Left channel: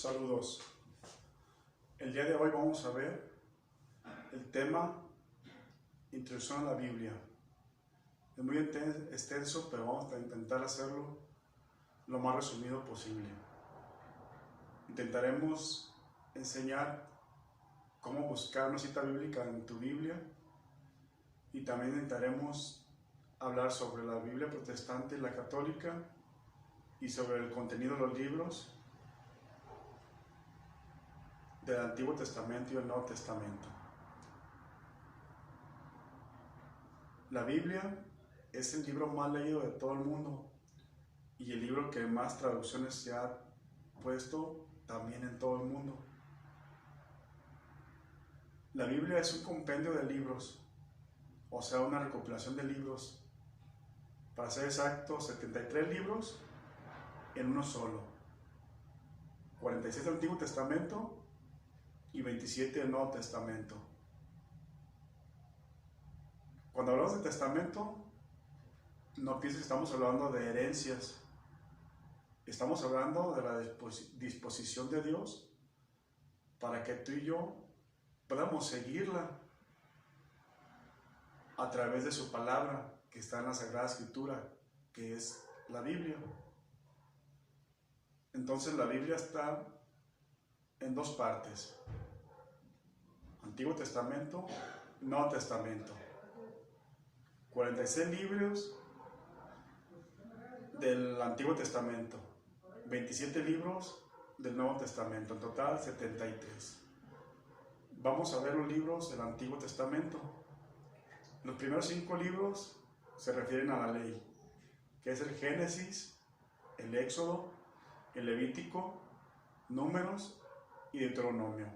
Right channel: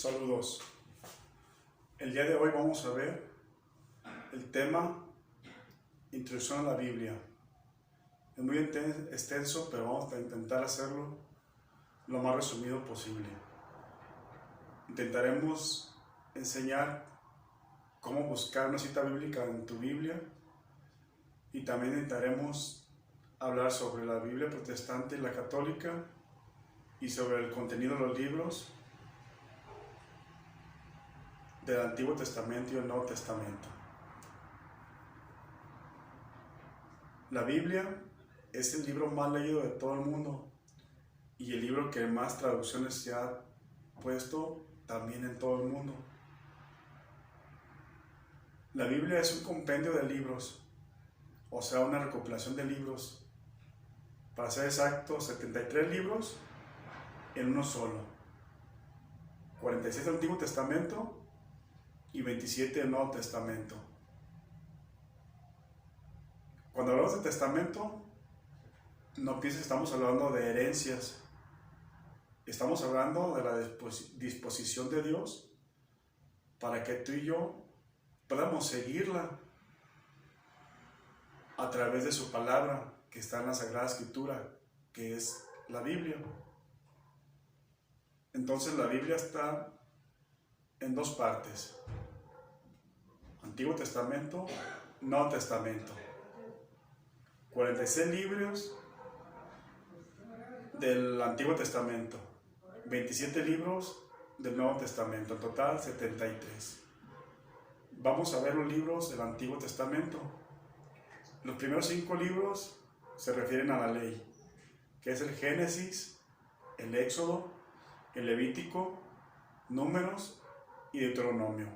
Saludos. El día de hoy vamos a ver el tema Introducción a la Biblia. Es muy extenso, pero vamos a intentar hacerlo lo más resumido posible. Intentaremos enseñar cómo buscar una cita bíblica en tu Biblia y también intentaremos hablar sobre la Biblia protestante y la católica y sobre el contenido de los libros del Antiguo Testamento y el Nuevo Testamento. La Biblia es el libro más leído de todo el mundo y el libro que más traducciones se ha puesto también en todo el mundo. La Biblia es un compendio de libros, o sea, una recopilación de libros. Para ser exacto, 73 libros en uno solo. 46 del Antiguo Testamento y 27 del Nuevo Testamento. Cuando hablamos de testamento, no pienses que estamos hablando de herencias. Estamos hablando de la disposición de Dios para que tú y yo podamos seguirla a través de su palabra que está en la Sagrada Escritura, que es la Biblia. Entonces la Biblia está en dos partes: Antiguo Testamento, Nuevo Testamento. 46 libros del Antiguo Testamento, 27 libros del Nuevo Testamento, en total 73. Vamos a ver los libros del Antiguo Testamento. Los primeros 5 libros se refieren a la ley, que es el Génesis, el Éxodo, el Levítico, Números y Deuteronomio.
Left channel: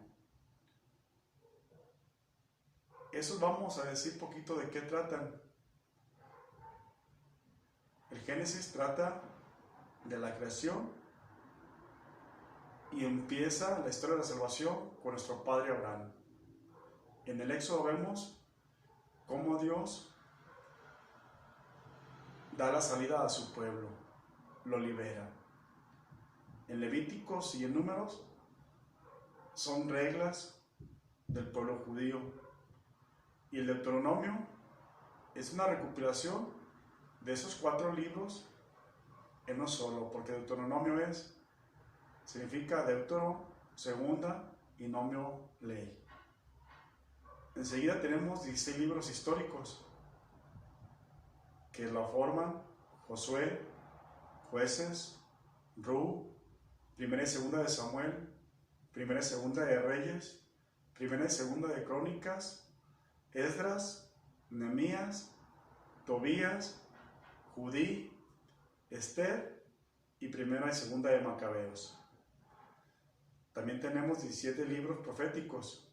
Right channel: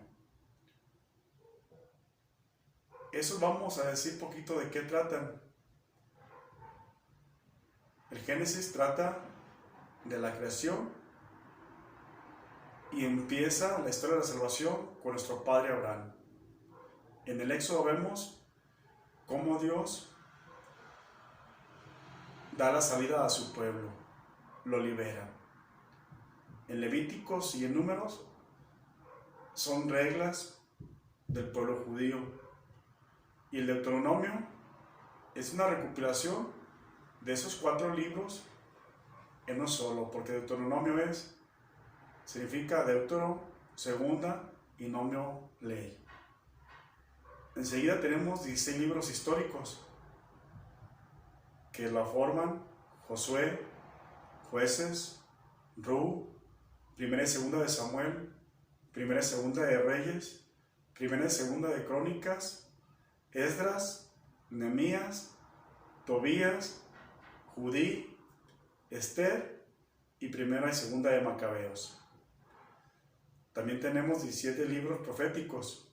Eso vamos a decir poquito de qué tratan. El Génesis trata de la creación y empieza la historia de la salvación con nuestro padre Abraham. En el Éxodo vemos cómo Dios da la salida a su pueblo, lo libera. En Levíticos y en Números son reglas del pueblo judío. Y el Deuteronomio es una recopilación de esos 4 libros en uno solo, porque Deuteronomio significa Deutero, segunda, y nomio, ley. Enseguida tenemos 16 libros históricos que la forman Josué, Jueces, Ruth, Primera y Segunda de Samuel, Primera y Segunda de Reyes, Primera y Segunda de Crónicas, Esdras, Nehemías, Tobías, Judí, Esther y Primera y Segunda de Macabeos. También tenemos 17 libros proféticos,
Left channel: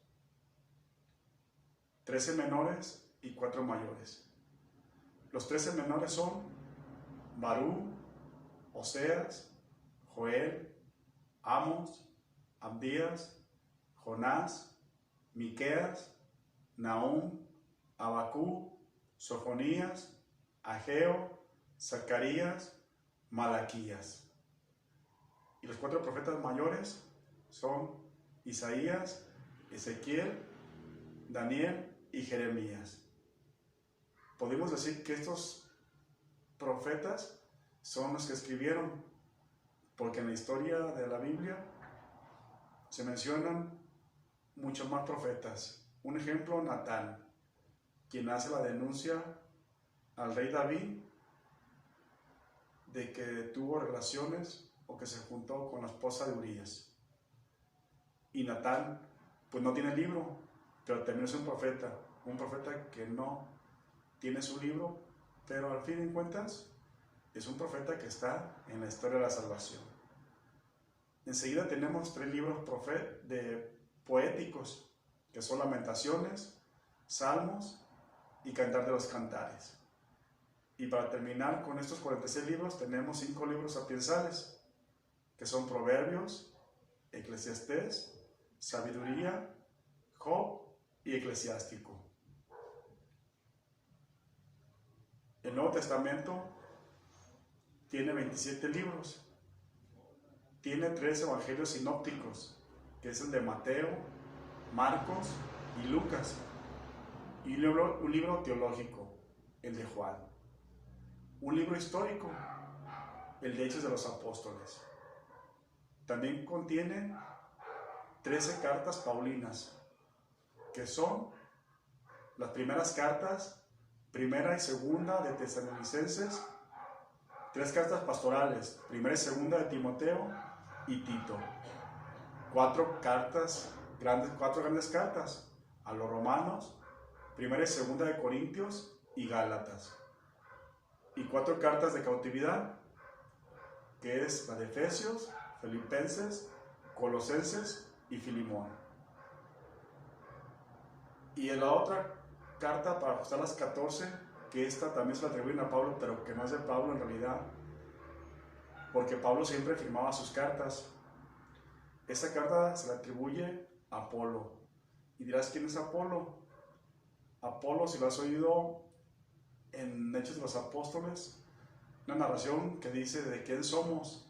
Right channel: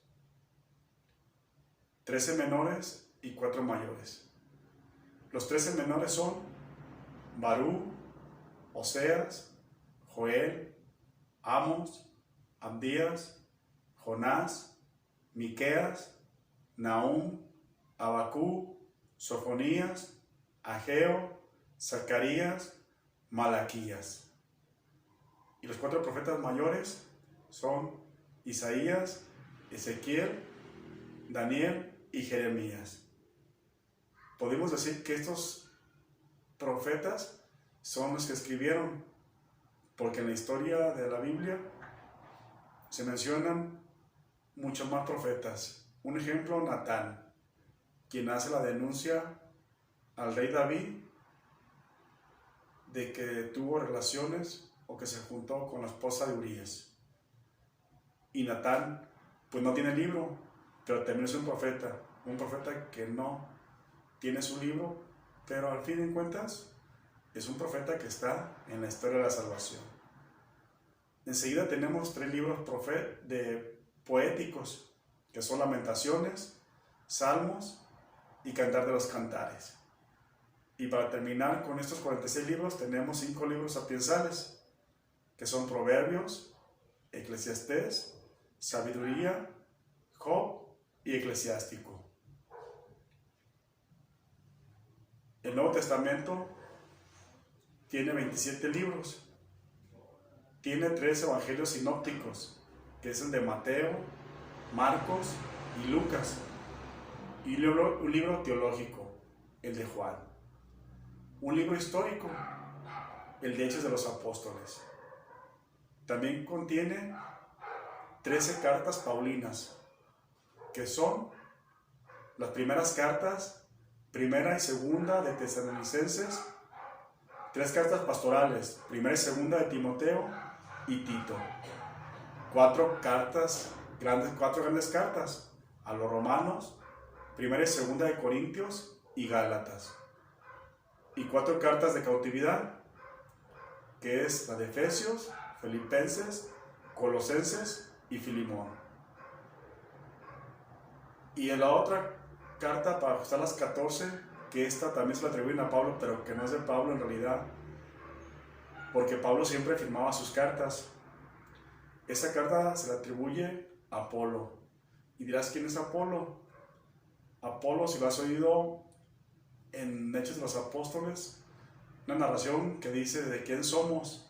13 menores y 4 mayores. Los 13 menores son Barú, Oseas, Joel, Amos, Abdías, Jonás, Miqueas, Nahum, Abacú, Sofonías, Ageo, Zacarías, Malaquías. Y los 4 profetas mayores son Isaías, Ezequiel, Daniel y Jeremías. Podemos decir que estos profetas son los que escribieron, porque en la historia de la Biblia se mencionan muchos más profetas. Un ejemplo, Natán, quien hace la denuncia al rey David de que tuvo relaciones o que se juntó con la esposa de Urías. Y Natán pues no tiene libro, pero también es un profeta que no tiene su libro, pero al fin de cuentas es un profeta que está en la historia de la salvación. Enseguida tenemos 3 libros poéticos, que son Lamentaciones, Salmos y Cantar de los Cantares. Y para terminar con estos 46 libros tenemos 5 libros sapiensales, que son Proverbios, Eclesiastés, Sabiduría, Job y Eclesiástico. El Nuevo Testamento tiene 27 libros. tiene 3 evangelios sinópticos, que es el de Mateo, Marcos y Lucas, y un libro teológico, el de Juan, un libro histórico, el de Hechos de los Apóstoles. También contiene 13 cartas paulinas, que son las primeras cartas, primera y segunda de Tesalonicenses, 3 cartas pastorales, primera y segunda de Timoteo y Tito, 4 grandes cartas a los romanos, primera y segunda de Corintios y Gálatas, y 4 cartas de cautividad, que es la de Efesios, Filipenses, Colosenses y Filimón. Y en la otra carta, para ajustar las 14, que esta también se la atribuyen a Pablo, pero que no es de Pablo en realidad, porque Pablo siempre firmaba sus cartas. Esa carta se la atribuye a Apolo. Y dirás, ¿quién es Apolo? Apolo, si lo has oído en Hechos de los Apóstoles, una narración que dice de quién somos,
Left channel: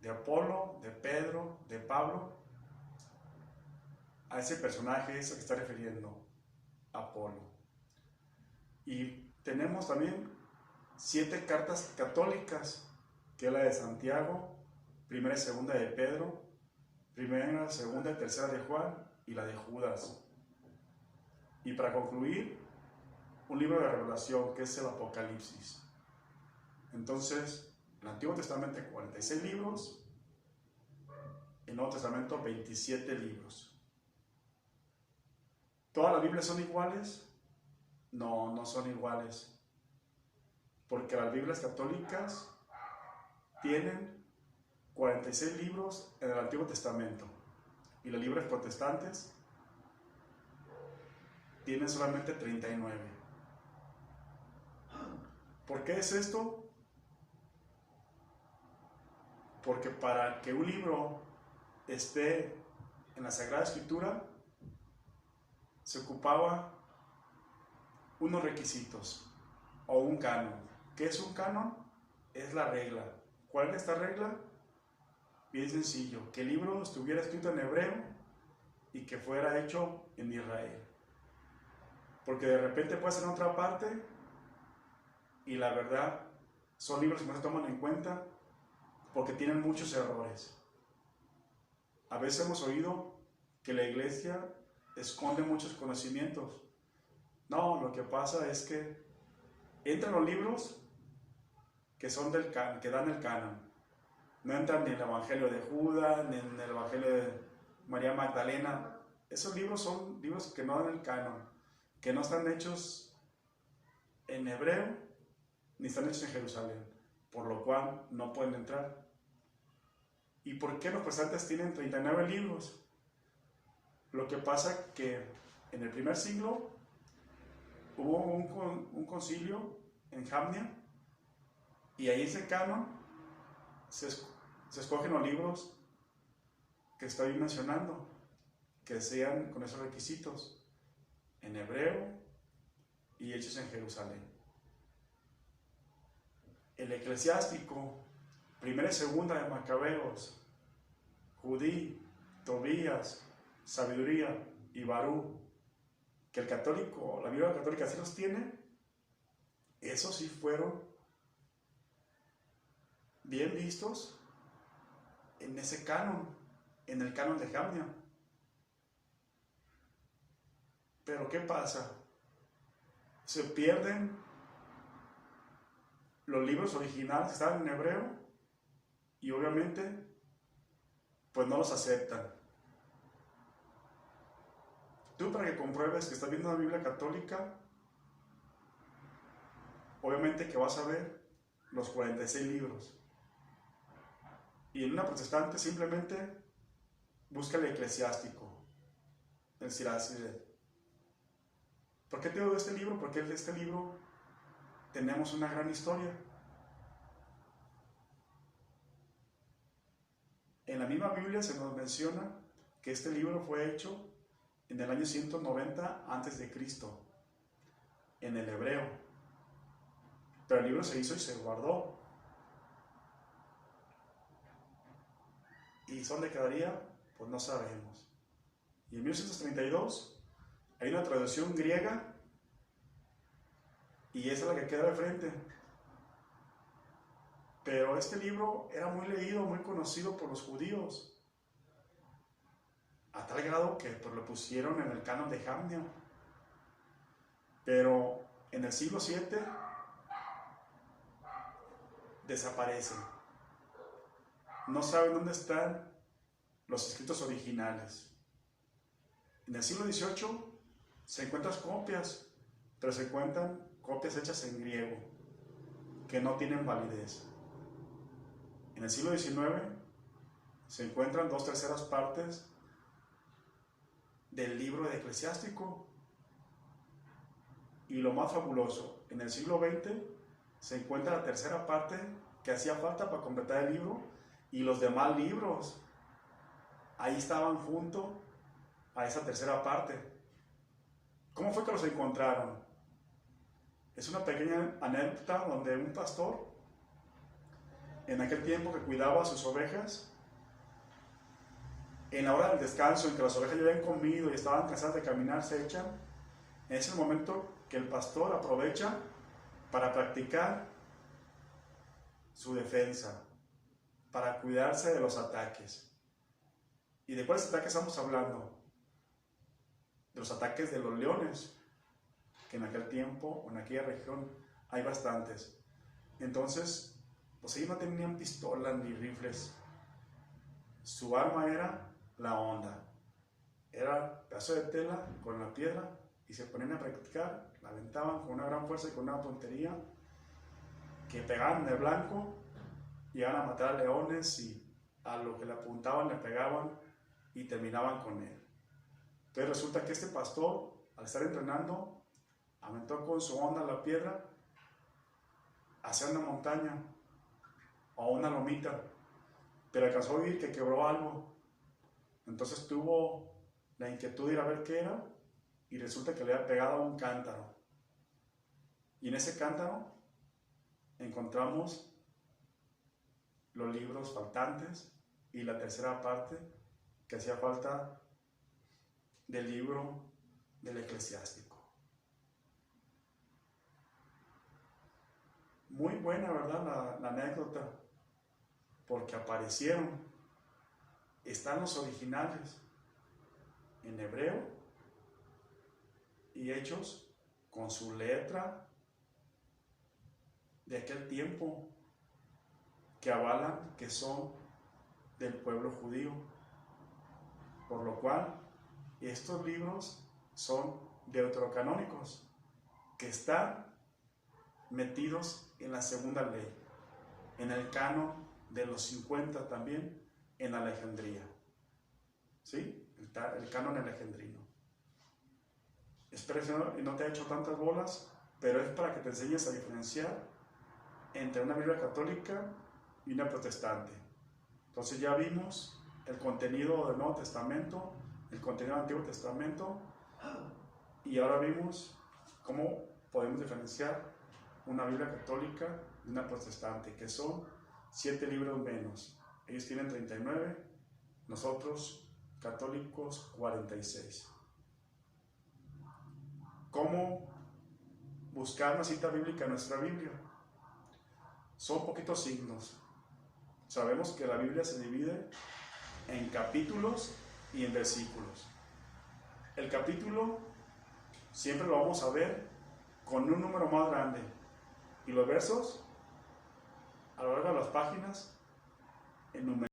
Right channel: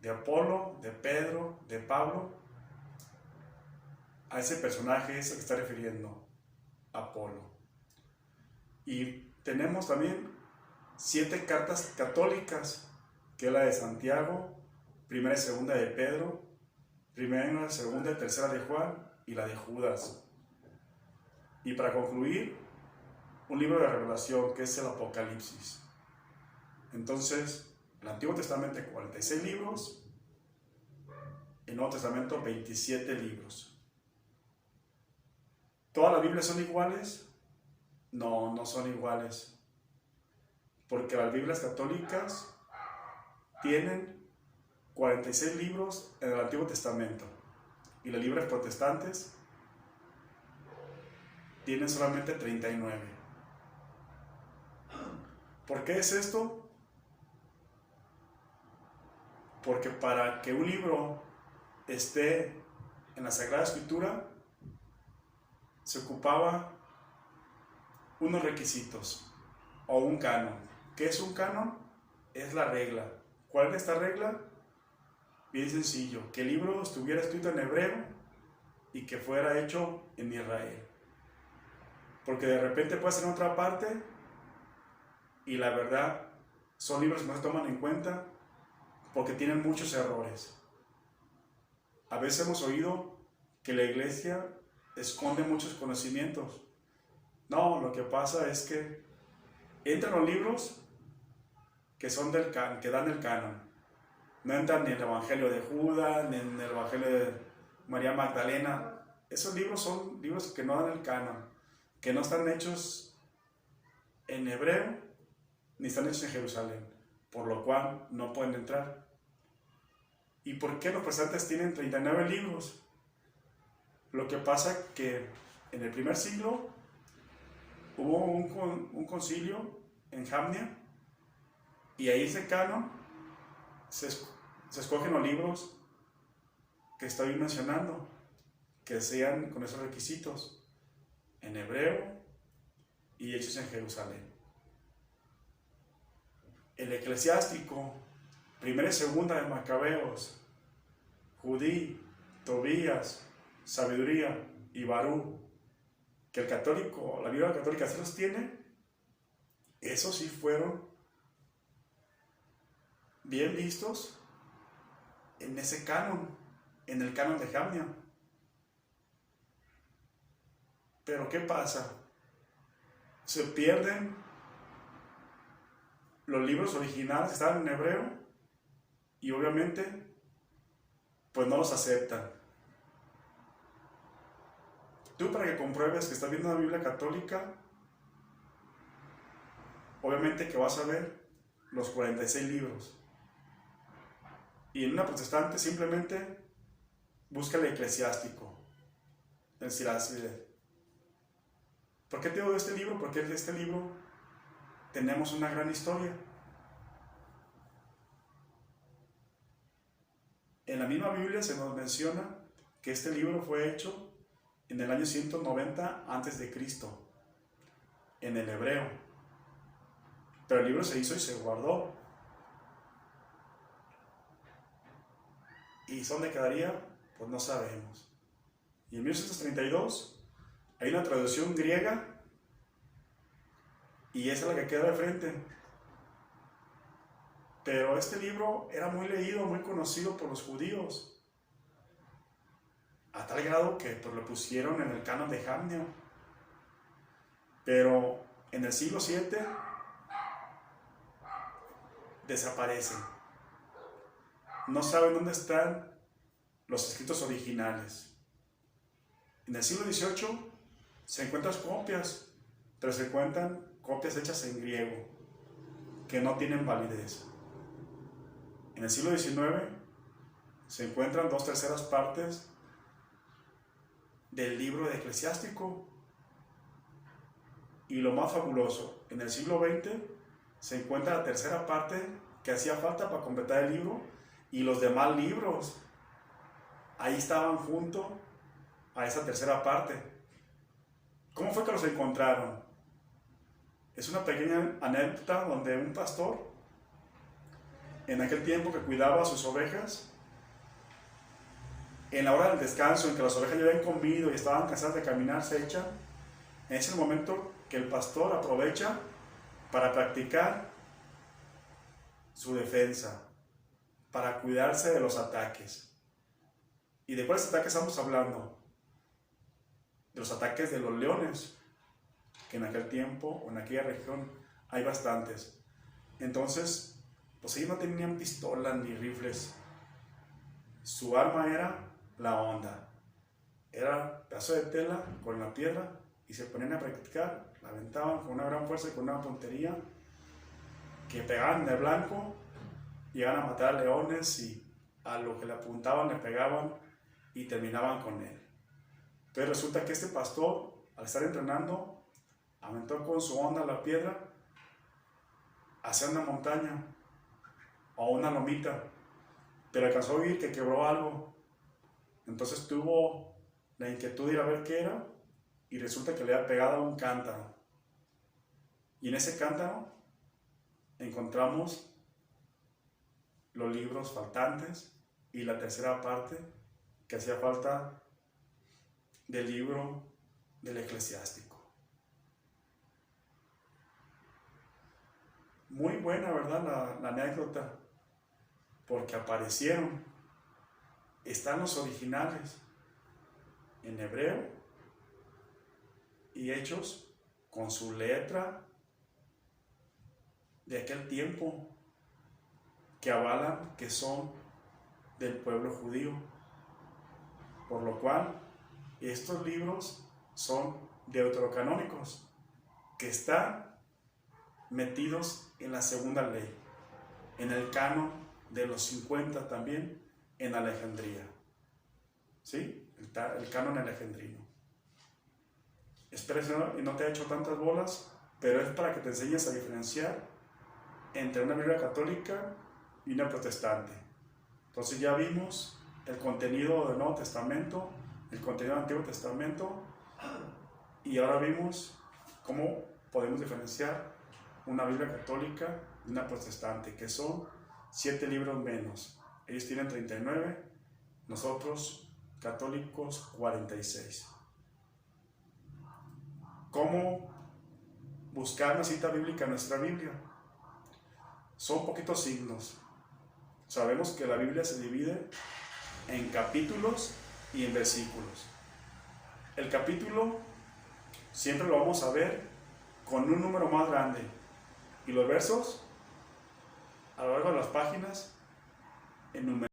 de Apolo, de Pedro, de Pablo. A ese personaje es el que está refiriendo Apolo. Y tenemos también 7 cartas católicas, que es la de Santiago, primera y segunda de Pedro, primera, segunda y tercera de Juan, y la de Judas. Y para concluir, un libro de revelación, que es el Apocalipsis. Entonces, el Antiguo Testamento 46 libros, el Nuevo Testamento 27 libros. ¿Todas las Biblias son iguales? No, no son iguales. Porque las Biblias católicas tienen 46 libros en el Antiguo Testamento, y las Biblias protestantes tienen solamente 39. ¿Por qué es esto? Porque para que un libro esté en la Sagrada Escritura se ocupaba unos requisitos o un canon. ¿Qué es un canon? Es la regla. ¿Cuál es esta regla? Bien sencillo, que el libro estuviera escrito en hebreo y que fuera hecho en Israel. Porque de repente puede ser en otra parte y la verdad son libros que no se toman en cuenta porque tienen muchos errores. A veces hemos oído que la iglesia esconde muchos conocimientos. No, lo que pasa es que entran los libros que son que dan el canon. No entran ni en el Evangelio de Judas, ni en el Evangelio de María Magdalena. Esos libros son libros que no dan el canon, que no están hechos en hebreo, ni están hechos en Jerusalén, por lo cual no pueden entrar. ¿Y por qué los protestantes tienen 39 libros? Lo que pasa que en el primer siglo hubo un concilio en Jamnia, y ahí ese canon se escogen los libros que estoy mencionando, que sean con esos requisitos, en hebreo y hechos en Jerusalén. El eclesiástico, primera y segunda de Macabeos, Judí, Tobías, Sabiduría y Barú, que el católico, la Biblia católica sí los tiene, esos sí fueron bien vistos en ese canon, en el canon de Jamnia. Pero ¿qué pasa? Se pierden los libros originales que estaban en hebreo y obviamente pues no los aceptan. Tú, para que compruebes que estás viendo una Biblia católica, obviamente que vas a ver los 46 libros. Y en una protestante simplemente busca el eclesiástico, el Siracide. ¿Por qué te digo de este libro? Porque de este libro tenemos una gran historia. En la misma Biblia se nos menciona que este libro fue hecho en el año 190 a.C., en el hebreo. Pero el libro se hizo y se guardó. ¿Y dónde quedaría? Pues no sabemos. Y en 1832 hay una traducción griega y esa es la que queda de frente. Pero este libro era muy leído, muy conocido por los judíos, a tal grado que pues, lo pusieron en el canon de Jamnio. Pero en el siglo VII desaparece. No saben dónde están los escritos originales. En el siglo XVIII se encuentran copias, pero se encuentran copias hechas en griego, que no tienen validez. En el siglo XIX se encuentran 2/3 partes del libro de Eclesiástico. Y lo más fabuloso, en el siglo XX se encuentra la 3/3 parte que hacía falta para completar el libro, y los demás libros ahí estaban junto a esa 3/3 parte. ¿Cómo fue que los encontraron? Es una pequeña anécdota donde un pastor, en aquel tiempo que cuidaba a sus ovejas, en la hora del descanso, en que las ovejas ya habían comido y estaban cansadas de caminar, se echan. En ese momento que el pastor aprovecha para practicar su defensa, para cuidarse de los ataques. ¿Y de cuáles ataques estamos hablando? De los ataques de los leones, que en aquel tiempo o en aquella región hay bastantes. Entonces, pues ellos no tenían pistolas ni rifles. Su arma era la onda. Era pedazo de tela con la piedra y se ponían a practicar, la aventaban con una gran fuerza y con una puntería que pegaban en el blanco, llegaban a matar a leones y a lo que le apuntaban le pegaban y terminaban con él. Entonces resulta que este pastor, al estar entrenando, aventó con su onda la piedra hacia una montaña o una lomita, pero alcanzó a oír que quebró algo. Entonces tuvo la inquietud de ir a ver qué era, y resulta que le había pegado a un cántaro. Y en ese cántaro encontramos los libros faltantes y la 3/3 parte que hacía falta del libro del Eclesiástico. Muy buena, ¿verdad? La anécdota, porque aparecieron. Están los originales en hebreo y hechos con su letra de aquel tiempo, que avalan que son del pueblo judío, por lo cual estos libros son deuterocanónicos, que están metidos en la segunda ley, en el canon de los 50 también, en Alejandría, ¿sí? El canon alejandrino. Espero y no te ha hecho tantas bolas, pero es para que te enseñes a diferenciar entre una Biblia católica y una protestante. Entonces ya vimos el contenido del Nuevo Testamento, el contenido del Antiguo Testamento, y ahora vimos cómo podemos diferenciar una Biblia católica y una protestante, que son 7 libros menos. Ellos tienen 39, nosotros católicos 46. ¿Cómo buscar una cita bíblica en nuestra Biblia? Son poquitos signos. Sabemos que la Biblia se divide en capítulos y en versículos. El capítulo siempre lo vamos a ver con un número más grande, y los versos a lo largo de las páginas en número.